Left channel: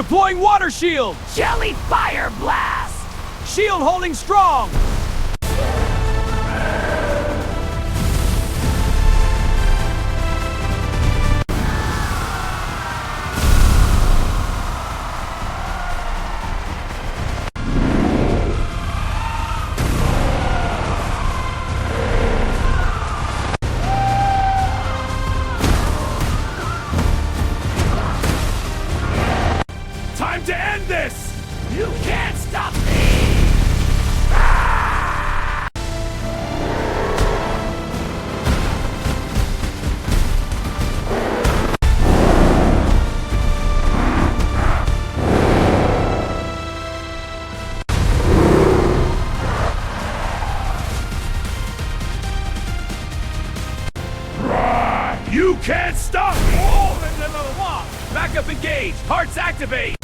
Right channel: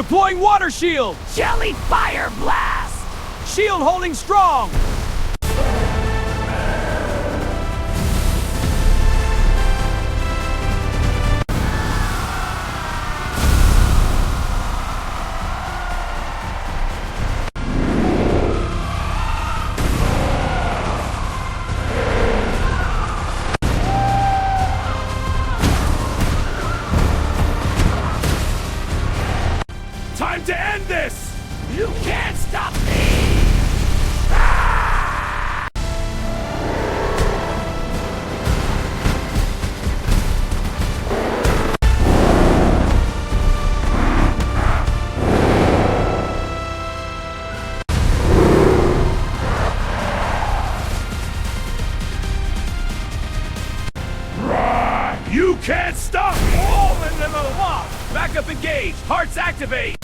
Deploying water shield! Jelly fire blast! Shield holding strong! Time to end this! You can't stop me! You can't stop! Backup engaged! Hearts activate!